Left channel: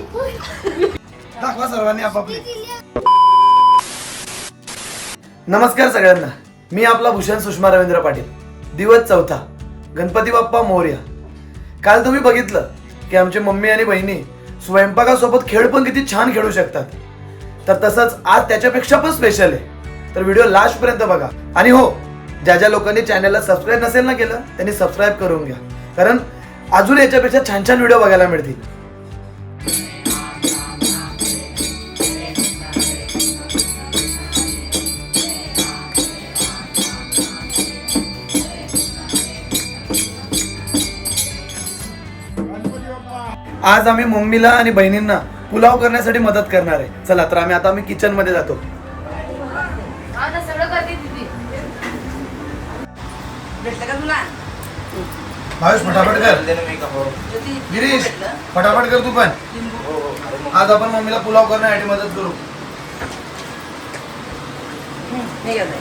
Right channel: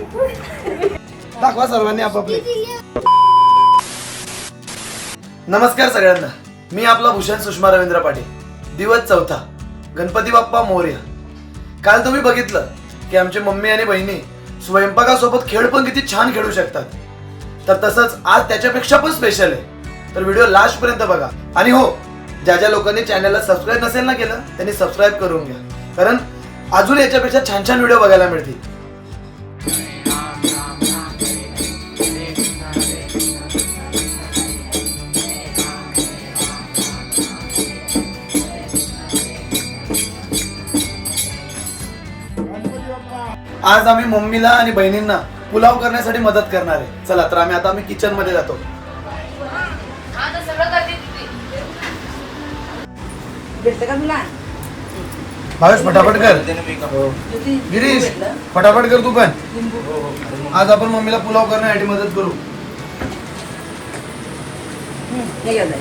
दाखवा सर्वांनी आपापले. नमस्कार सगळ्यांना. मी आपला भूषण सुषमा रवींद्र पाटील. दिवस चौथा. गणपती बाप्पा मोर्या. काल तुम्ही बघितलं की आमचे मम्मी आणि बहिणी स्वयंपाकासोबत खेळ पण किती छान खेळू शकतात. तर तसंच आज त्याच्यापेक्षा पण स्पेशल आहे. तर व्हिडिओ लास्ट पर्यंत बघा. आणि हो ज्या ज्या लोकांनी चॅनलला सबस्क्राईब नसेल ना केलं त्यांनी सबस्क्राईब करून घ्या. कारण अजून याच्यापेक्षा छान छान व्हिडिओ बघायला मिळतील. आज आम्ही मम्मीला आणि बहिणींना पुलाव करण्यासाठी मदत करणार आहे. चला तर आम्ही आता आम्ही किचनमध्ये जातो. भावेश फटाफट कर. गिरीश फटाफट कर तू पण. आज आपण मम्मीला पुलाव करण्यासाठी मदत करू हे घेऊन जा.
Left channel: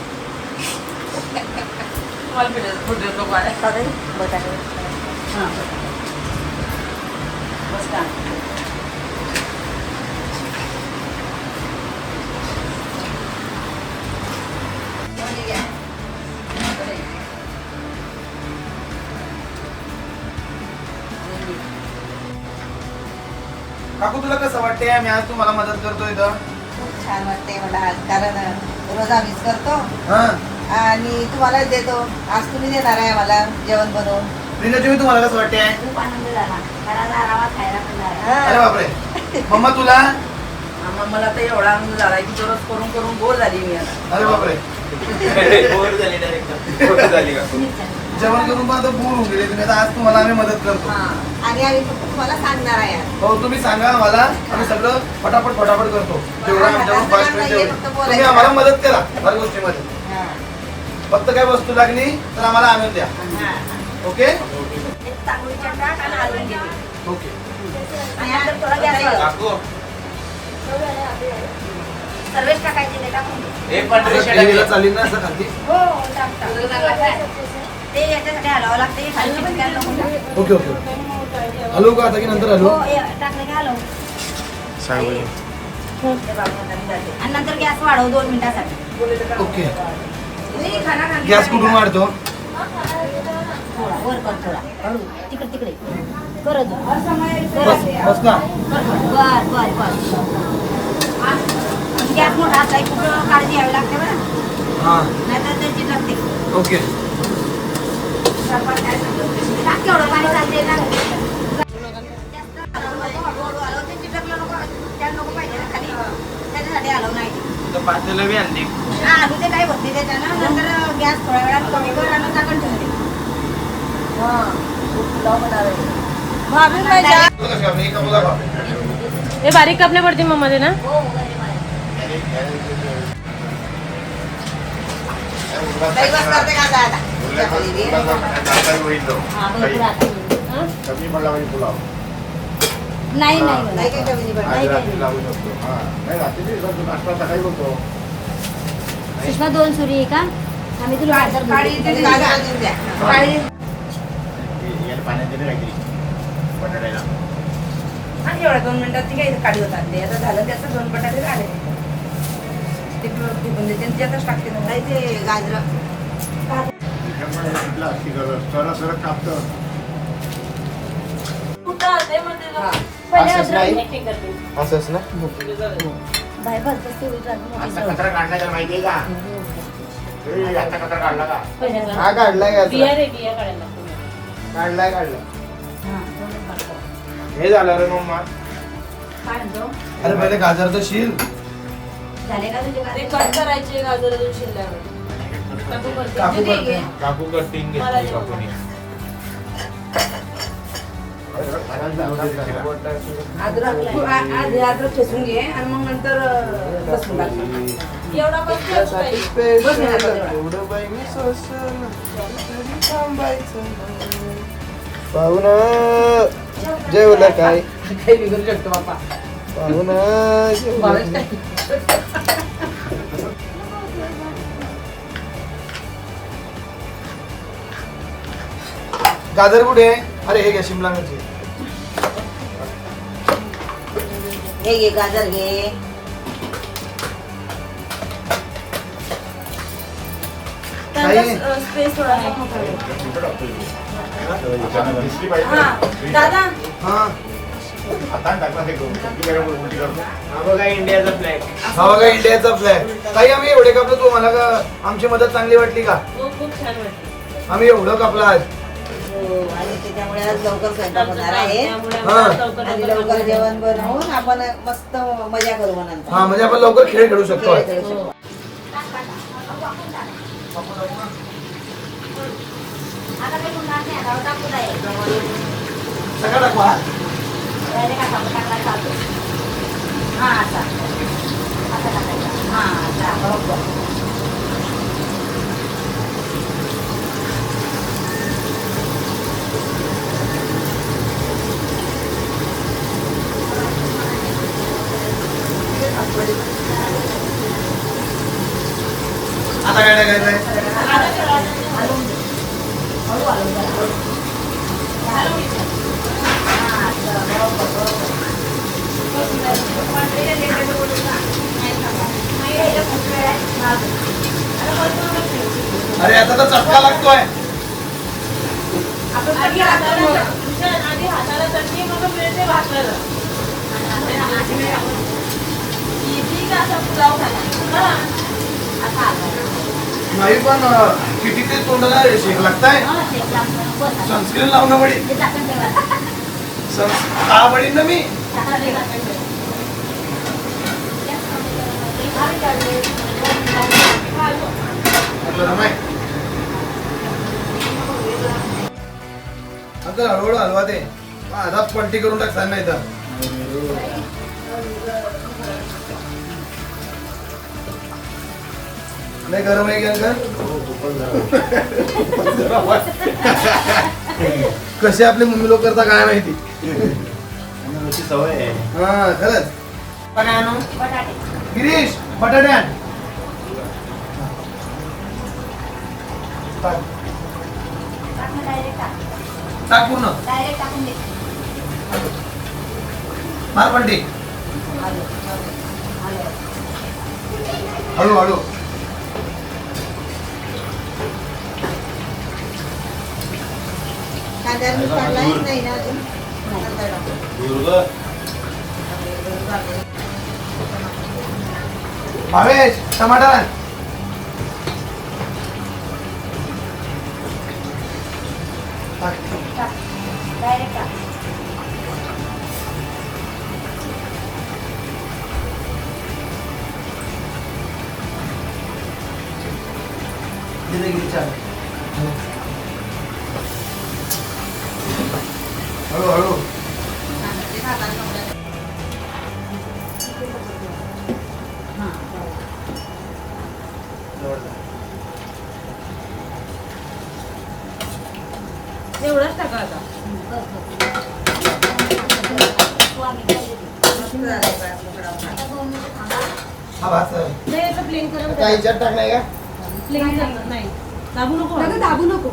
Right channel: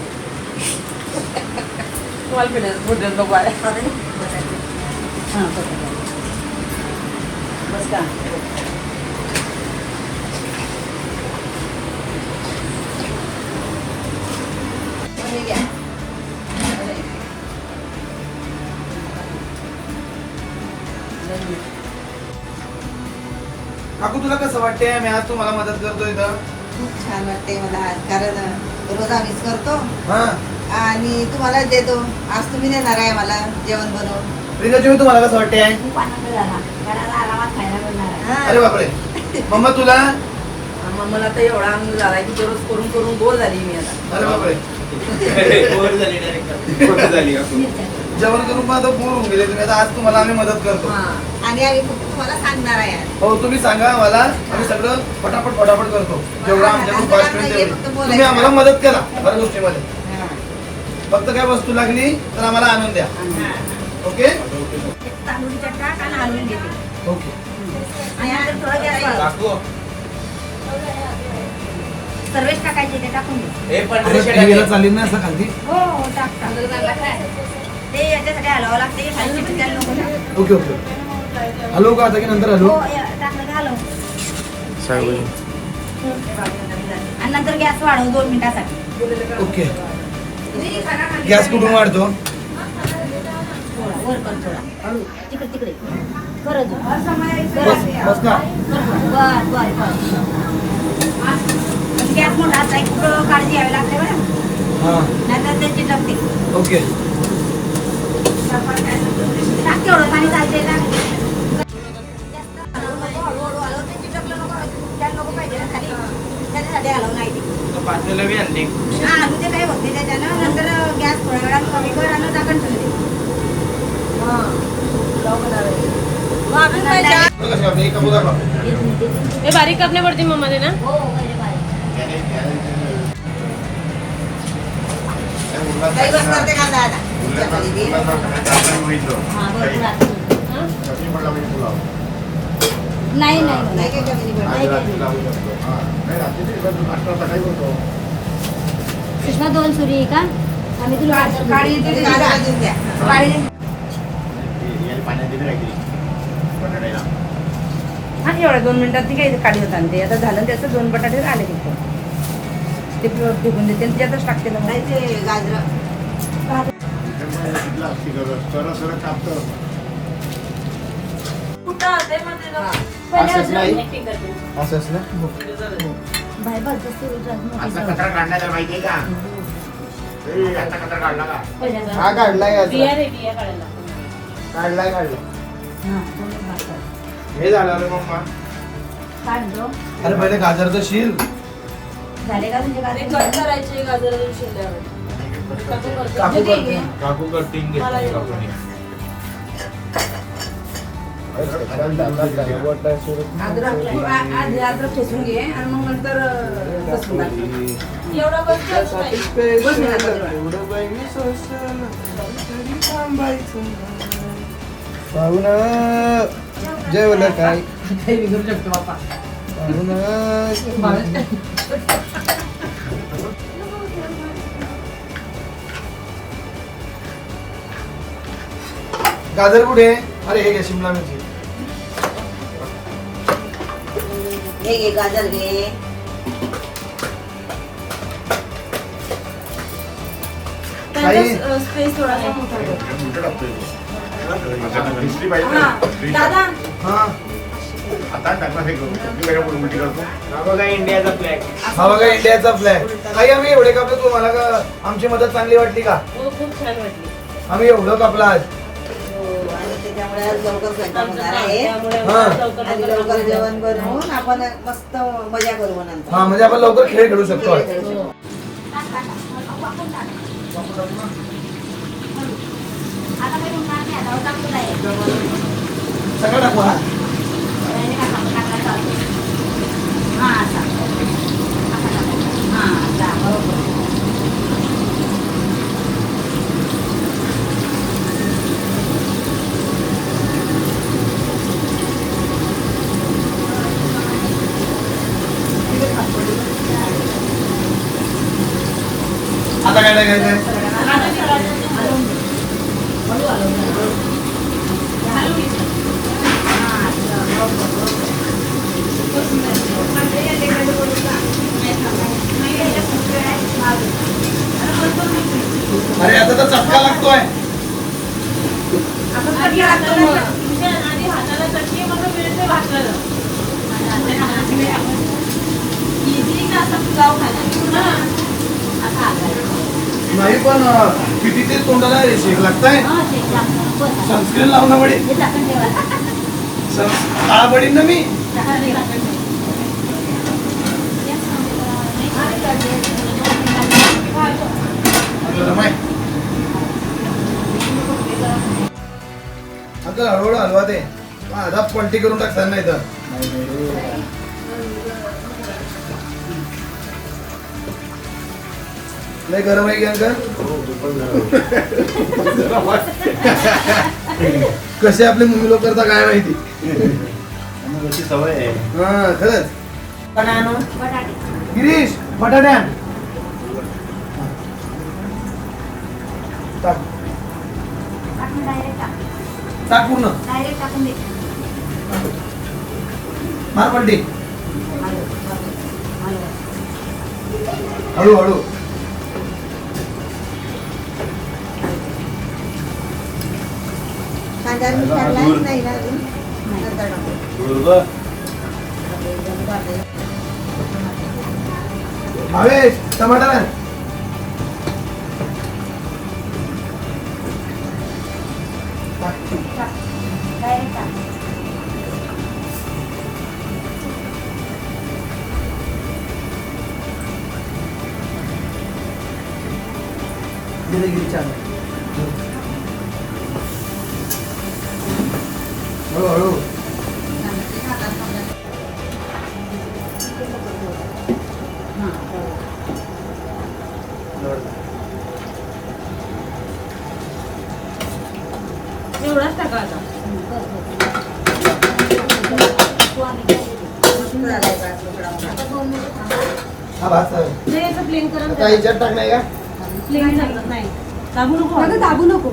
तुम्हाला भेटलं, भेटलं नको आहे. काढून बटाटे. हां, बटाटे. मस्त आहे. आणि घ्या. काकू तुला कसं वाटतंय? मी आज तुम्हाला मदत करतो इथं. खूप छान वाटते मला कारण रोज आम्हीच करतो. हा. आणि तुम्हालाच देतो. आज तुम्ही देणार आहे मला जेवण बनवून. मी तुम्हाला कसं वाटतंय? खूप आनंद झाला. घराला आरामात खायला मिळणार आहे. अरे बापरे. मम्मा तुला? मला तर एवढा आनंद झाला की दररोज करून करून बोर झाली मी आता. अरे बापरे. जेवण करून पण आता बोर होऊन गेले तुम्ही. आता आज तुम्हाला आम्ही मदत करतो. हां. आणि आम्ही तुम्हाला सांगणार आहे. हो तुम्ही सांगा आम्हाला. आम्ही सगळं फटाफट फटाफट करतो. जेवढं आमच्याकडून होईल तेवढी. तुम्ही आम्हाला मदत करा हर गोष्टीमध्ये. हा. फक्त काय वस्तू लागली तर आम्हाला आणून द्या. ओके. ओके. टाकायचे ते टाकून दे. गेलं चालेल ना असं खाली हो हो, खाली. ओके ओके हॅलो का आता की नंतर हलव? आणि नंतर गॅस वाढव दोन मिनिटासाठी. ओके. गॅस कुठून वाढतो? थोडा वर कर थोडा तिकडे तिकडे कर अजून. कर बस अजून. बस का बर बर बर गॅस मोठा असला की काळजी घ्यावी लागते बरं हां नाहीतर ते चिटकते ओके टाक केवढं पाणी चालते टाक जास्त हलवू नको, हळू हळू हलव. ते चिटकलं नको, त्याला नको पाहिजे ना खाली. त्याच्यासाठी हलव नाही ते. हा, आधी ते काय होते त्याच्यानं नंतर गॅस थोड्या वेळात कमी कर आणि ठेवून दे. हा. हे बारीक कापणे पडते मग मध्ये ना हो. हा. हा? नाही. सुषमा दोन सुरी आहे का आम्ही तुला इथे काळी भाजून द्या. काळी आणि एवढ्या दोन मिनिटात ती काही काढी होत आणते. आता झालं त्याचं दोन बटाटे आले ते फुगून देते आणि त्यातच टाकते ना. नाही ते गाजरं. असंच नाही? असंच ना? बाहेर भरतोस ते विचार मोठी जाऊ. हा. काढलाय का? बिया रे बिया काढायला. काढलाय काढलाय हा, झालं रे मम्मा काय म्हणतो? अरे पहिले झाले का तुमचे ते गाजर? करायचे गाजर शिरल्यावर काकू करते. काकू करते काकू कटिंग मला घेतली येऊ. काकूने अद्रक आ- आधी अद्रक ठेचून घे आणि मग नंतर अं, लसूण टाक. एवढा करते बस ना आता तेवढं. पाहुण. जेवलं काय? काही बिघडू शकतो बापा पाहुण. गाजर कुठे? आहे? अरे हे घ्या शिमला मिरची. हे घे गाजर घे. त्यांचा स्पेस थोडासा मोठा हा दादा. हा हा बघा इंडियाचा फ्लॅग हा बघा इंडियाचा फ्लॅग ताई आम्ही एवढे कापलो तुम्हाला का आमची मदत चांगली वाटली का? हो खूप छान वाटली. आम्ही एवढं कापलं आज. हो, आणि त्याच्यामुळे आज लवकर स्वयंपाक होणार आहे. त्यामुळे हा. आम्हाला लवकर आणि लवकर लवकर बनवायचं. जेवण बनवून आपण मस्त मजा करू मग नंतर हा म्हणजे आपण लवकर खेळ खेळू शकतो. खेळ खेळू शकतो. आता काही होणार नाही, आता टाकून आहे. सगळं टाकू हा त्याने काय सांगू, टाकला चालतो. हा, असा. असं टाकायचं. हा, असा, बरोबर. आता काय टाकायचं अरे आता तर चटका लागतोय आपण कधी लागतो मग? आधी हाताला चटणी मग मिळते भाकरं. इडली का असं पुलाव खायला? हा. असा आकार. नाही पण किती ते तोंडाला शेक लागताय. सनस्क्रीन लावून बडी. हे टाकून काळा पडीन ना मी? टाकून ठेवा. गरम आहे आता हळूहळू हलवा ते आधा पलटी करून टाकतात नाही तर लय गरम आहे का कसे आपले मम्मी लोक करता काय माहिती? सवय आहे. हा खरंच. बटाटे. गिरीश बटाट्या टाक टाक. पूर्ण दे. मार हलव. हळू हळू नाही ना अजून टाकू. भावेश टमाटर हा भात चालेल. नाही याचं प्लेन करून आता ह्याच्यात टाकलाय का प्लेन चालत नाही दाबू नको दाबू नको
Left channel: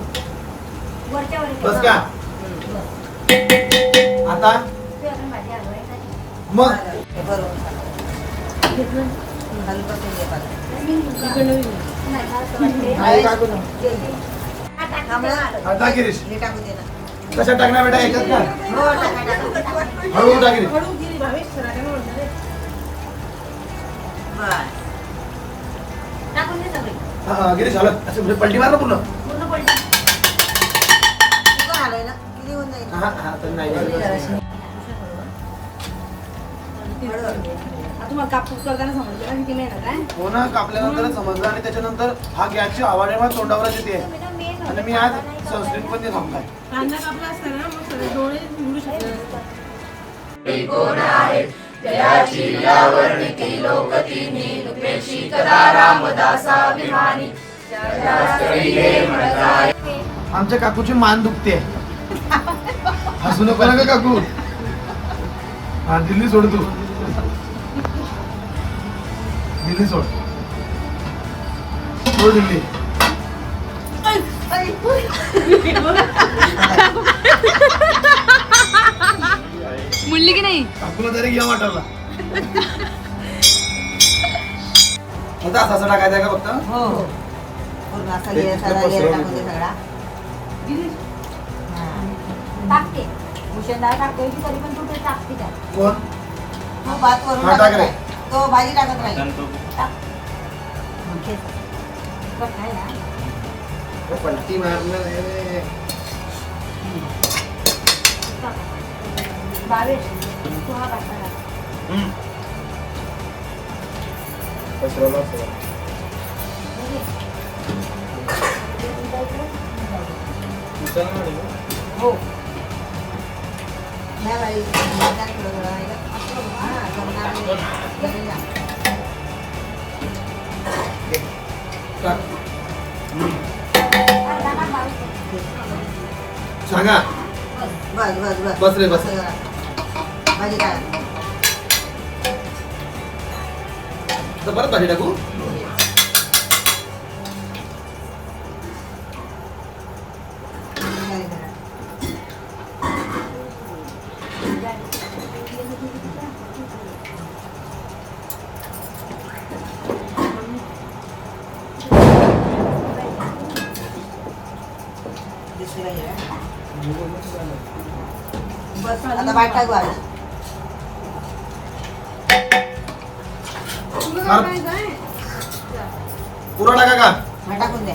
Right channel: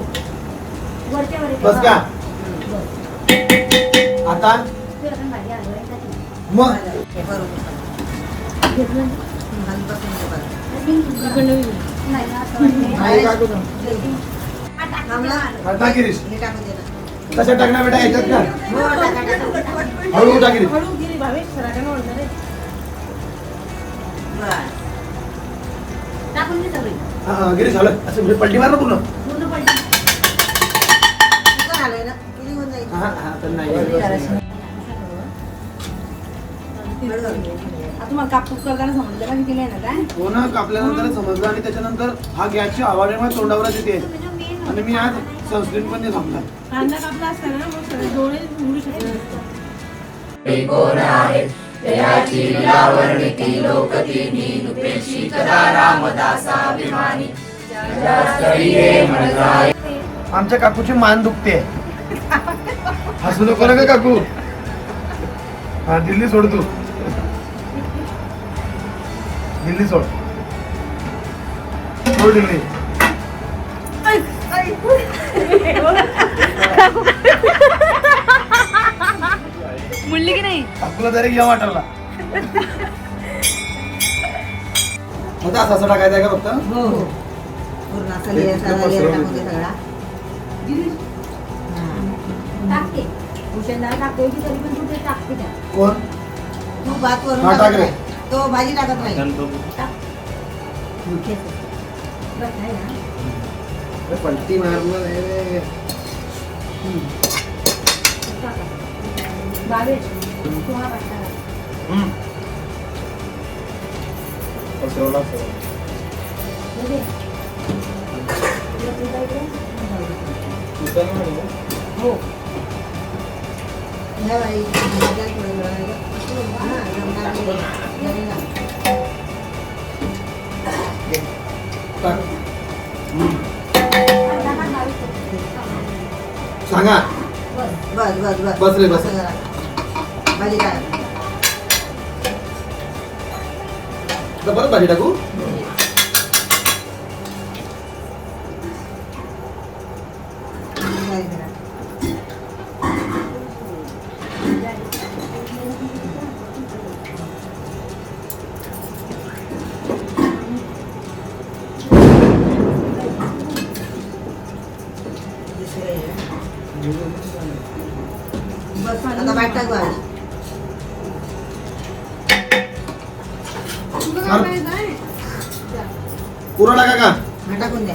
वरच्या वर बस का आता ते आपण भाजी हलवायची? मग. घेतलं. इकडनं. नाही नाही टाकू ना. टाक गिरीश टाकणार बेटा ह्याच्यात का हो, टाका, टाका. हळू गिरीश. हा, असं म्हणजे पलटी मार ना पूर्ण. पूर्ण पलटी. कुकर आलंय ना. किती होऊन जाईल? हा हा तर नाही आता तुम्हाला कापूस करताना समजलं ना किती मेहनत आहे हो ना कापल्यानंतर समजलं आणि त्याच्यानंतर हा गॅसची माझ्या तोंडावरच येते. आणि मी आज सनस्क्रीन पण नाही थांबलाय. कांदा कापला असता ना मग सगळे डोळे उघडू शकले असते. आमच्या काकूची मान दुखते. हसू नको ना का काकू. हा दिल्ली सोड तू. दिल्ली सोड. सोड दिल्ली. मुलली की नाही? काकूला तरी घ्या वाटरला असं असं टाकायचं आहे का फक्त? हो हो. पूर्ण असं ले- सगळा लेअर टाकून दे सगळा. टाकते. भूषणला टाकते की तरी पण तू ते टाकते का कोण? तू भात वरून हा, टाक टाकत रे. राहील. तो भाजी टाकत राहील गणपती हं, तेच. बस आहे ना? हा पाठवा टाक. पसरवला बघे. हो ह्या वेळी भाज्या थोडं वेळा- हां, सांगा. बस बस बस. बस रे, बस. भाजी परत भाजी टाकू? पुरा टाका का टाकून द्या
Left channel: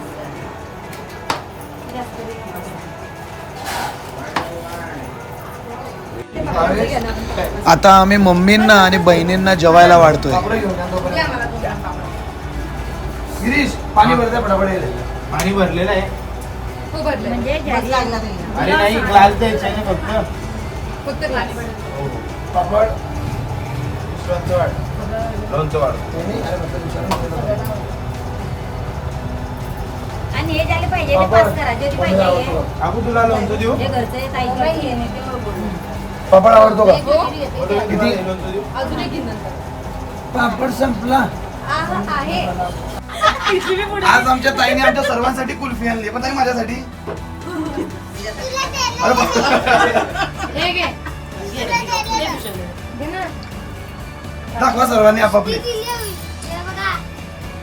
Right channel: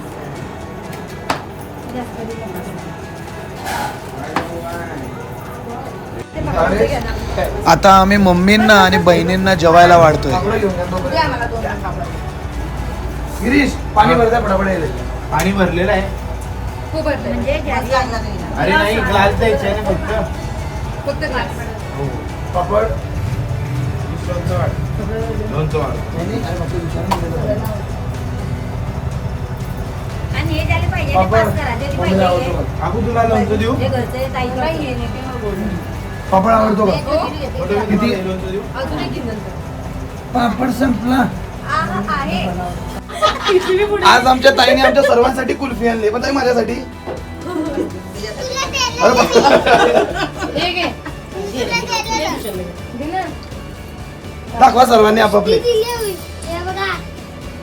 आता आम्ही मम्मींना आणि बहिणींना जेवायला वाढतोय. गिरीश पाणी भरता फटाफट पाणी भरलेलं आहे. म्हणजे अरे नाही ग्लास द्यायचे आहे ना फक्त. पापड. आणि हे पापड. तुला लोणचं देऊ. हे. पापड आवडतो का? मोठं किती? किती पापड संपला. आज आमच्या ताईने आमच्या सर्वांसाठी कुल्फी आणली. पण ताई माझ्यासाठी. अरे. हे. दाखवा सर्वांनी आपापले.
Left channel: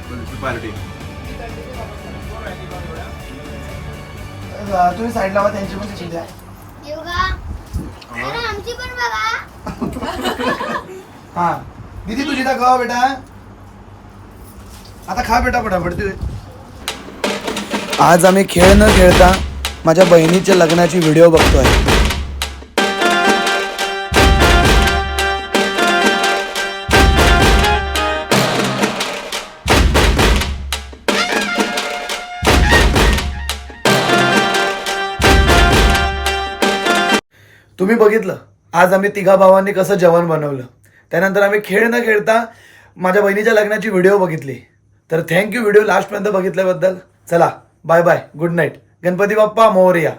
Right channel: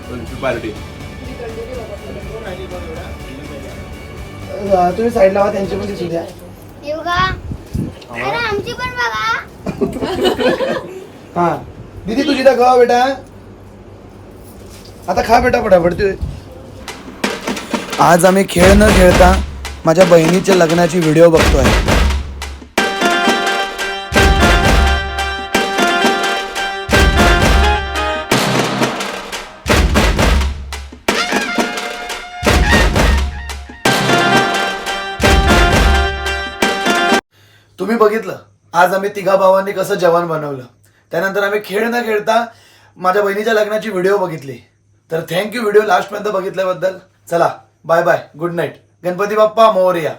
कुल्फी पार्टी. अं, तुम्ही साईड लावा त्यांचे पण तिथे द्या. आमची पण बघा. हा. दीदी तुझी दाखवा बेटा. आता खा बेटा फटाफट तू. आज आम्ही खेळ न खेळता माझ्या बहिणीच्या लग्नाची व्हिडिओ बघतोय. तुम्ही बघितलं? आज आम्ही तिघा भावांनी कसं जेवण बनवलं. त्यानंतर आम्ही खेळ न खेळता माझ्या बहिणीच्या लग्नाची व्हिडिओ बघितली. तर थँक्यू व्हिडिओ लास्टपर्यंत बघितल्याबद्दल. चला bye bye good night Ganpati Bappa Morya.